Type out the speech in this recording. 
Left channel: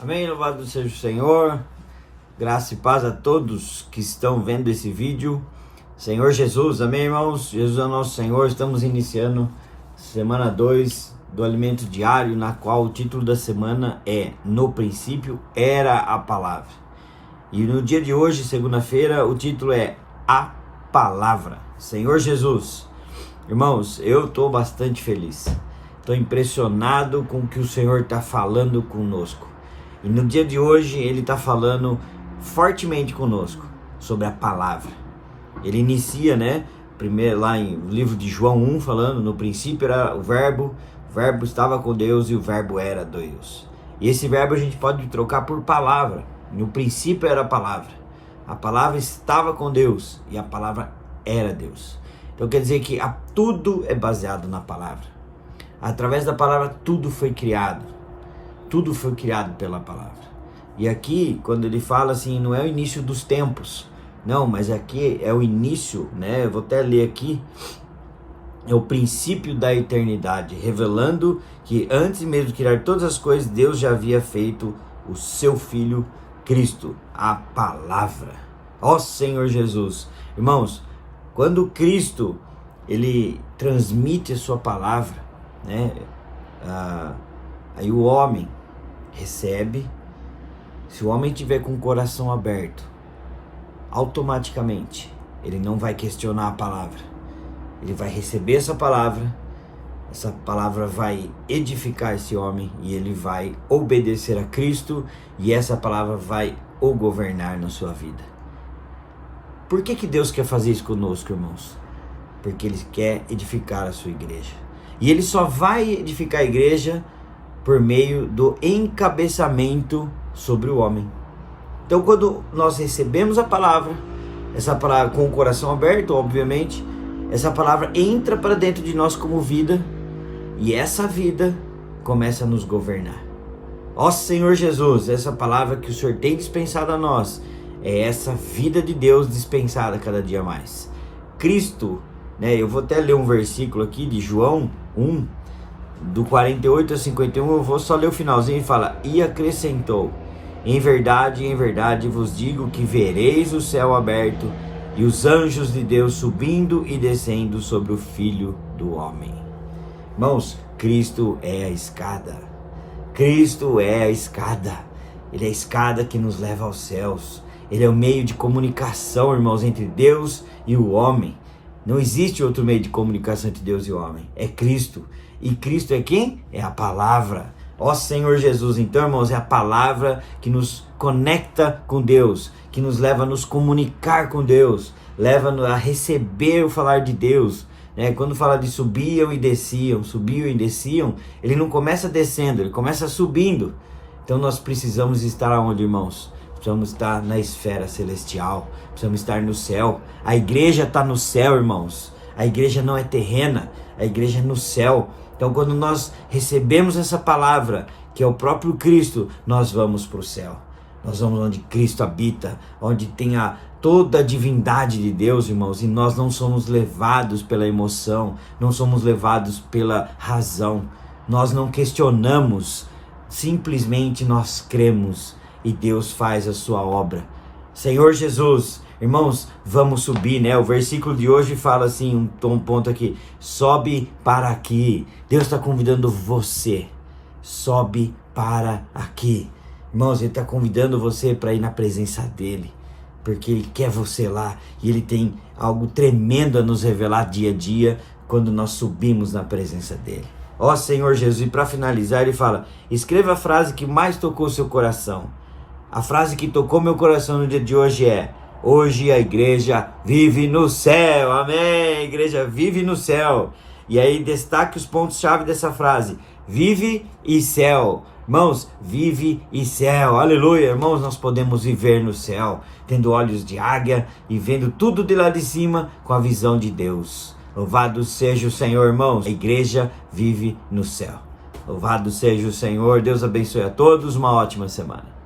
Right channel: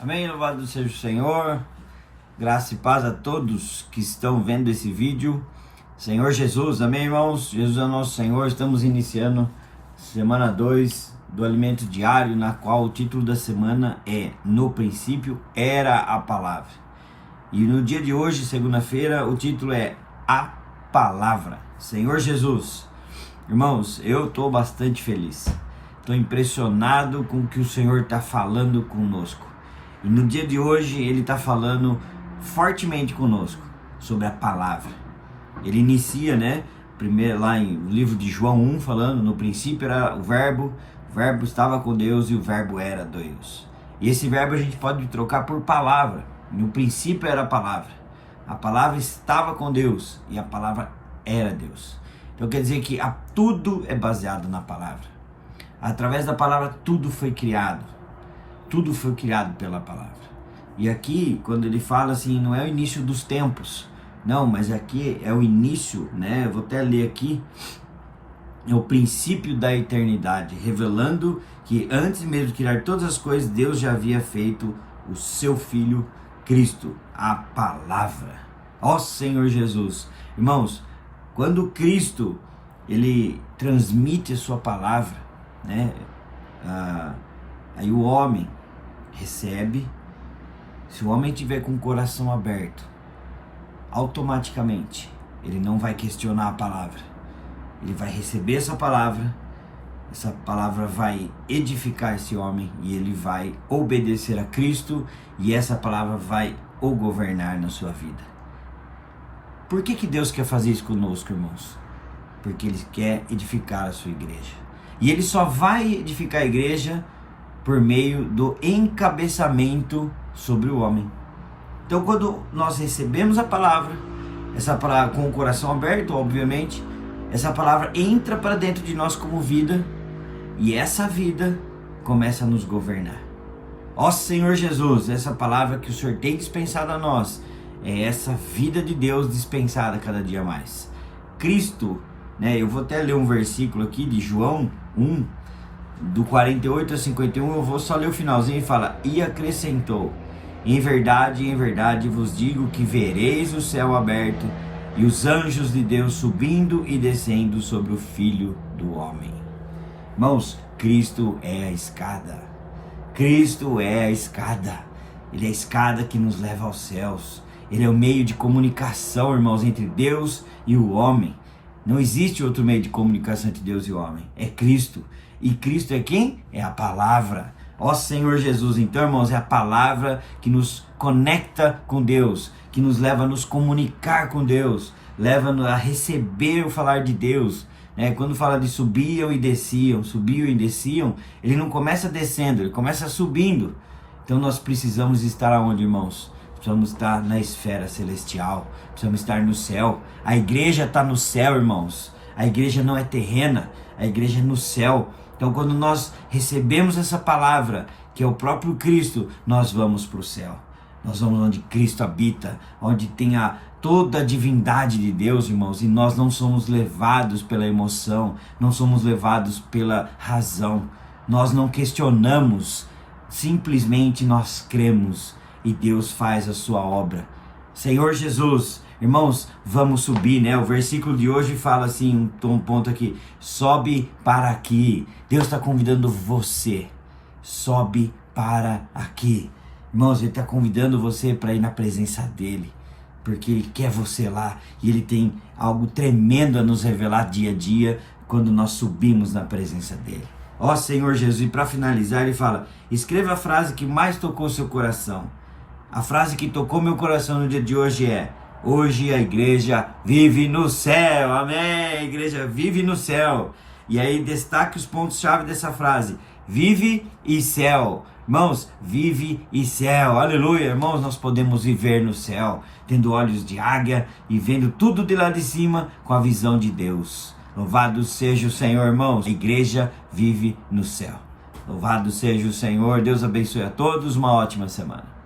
Amém, louvado seja o Senhor, graça e paz a todos que estão vendo esse vídeo. Senhor Jesus, amém, irmãos? Jesus é o nosso Senhor. Estamos iniciando semana 2 do alimento diário, na qual o título da semana é No princípio era a palavra. E no dia de hoje, segunda-feira, o título é A Palavra. Senhor Jesus, irmãos, eu estou bastante feliz, estou impressionado com o que o Senhor está falando conosco. E no dia de hoje ele está falando fortemente conosco sobre a palavra. Ele inicia, primeiro lá no livro de João 1, falando: no princípio era o verbo estava com Deus e o verbo era Deus. E esse verbo a gente pode trocar por palavra. No princípio era a palavra estava com Deus e a palavra era Deus. Então quer dizer que tudo é baseado na palavra. Através da palavra tudo foi criado. Tudo foi criado pela palavra. E aqui, quando ele fala assim, não é o início dos tempos. Não, mas aqui é o início, eu vou até ler aqui. É o princípio da eternidade, revelando que antes mesmo de criar todas as coisas, Deus já havia feito o seu Filho Cristo, a palavra. Ó Senhor Jesus. Irmãos, quando Cristo, ele transmite a sua palavra, aí o homem recebe. Se o homem tiver com o coração aberto, automaticamente ele não vai questionar a palavra. Ele vai receber essa palavra vai edificar esse homem e ele vai obedecer a Cristo, e essa palavra vai o governar na sua vida. Por que Deus quer fazer isso conosco, irmãos? Porque Ele quer edificar a sua igreja. E Ele só vai edificar a igreja por meio do encabeçamento sobre o homem. Então, quando nós recebemos a palavra, essa palavra com o coração aberto, obviamente, essa palavra entra para dentro de nós como vida, e essa vida começa a nos governar. Ó Senhor Jesus, essa palavra que o Senhor tem dispensado a nós, é essa vida de Deus dispensada cada dia mais. Cristo, eu vou até ler um versículo aqui de João 1, do 48 a 51, eu vou só ler o finalzinho e fala: e acrescentou: em verdade vos digo que vereis o céu aberto e os anjos de Deus subindo e descendo sobre o Filho do Homem. Irmãos, Cristo é a escada. Cristo é a escada. Ele é a escada que nos leva aos céus. Ele é o meio de comunicação, irmãos, entre Deus e o homem. Não existe outro meio de comunicação entre Deus e o homem. É Cristo. E Cristo é quem? É a palavra. Ó Senhor Jesus, então, irmãos, é a palavra que nos conecta com Deus, que nos leva a nos comunicar com Deus, leva-nos a receber o falar de Deus. Quando fala de subiam e desciam, ele não começa descendo, ele começa subindo. Então nós precisamos estar aonde, irmãos? Precisamos estar na esfera celestial, precisamos estar no céu. A igreja está no céu, irmãos. A igreja não é terrena, a igreja é no céu. Então, quando nós recebemos essa palavra, que é o próprio Cristo, nós vamos para o céu. Nós vamos onde Cristo habita, onde tem toda a divindade de Deus, irmãos. E nós não somos levados pela emoção, não somos levados pela razão. Nós não questionamos, simplesmente nós cremos e Deus faz a sua obra. Senhor Jesus, irmãos, vamos subir, O versículo de hoje fala assim, um ponto aqui: sobe para aqui. Deus está convidando você, sobe para aqui. Irmãos, Ele está convidando você para ir na presença dEle, porque Ele quer você lá, e Ele tem algo tremendo a nos revelar dia a dia, quando nós subimos na presença dEle. Ó Senhor Jesus, e para finalizar Ele fala: escreva a frase que mais tocou seu coração. A frase que tocou meu coração no dia de hoje é: hoje a igreja vive no céu. Amém? A igreja vive no céu. E aí destaque os pontos-chave dessa frase: vive e céu. Irmãos, vive e céu. Aleluia, irmãos, nós podemos viver no céu, tendo olhos de águia e vendo tudo de lá de cima com a visão de Deus. Louvado seja o Senhor, irmãos. A igreja vive no céu. Louvado seja o Senhor. Deus abençoe a todos. Uma ótima semana.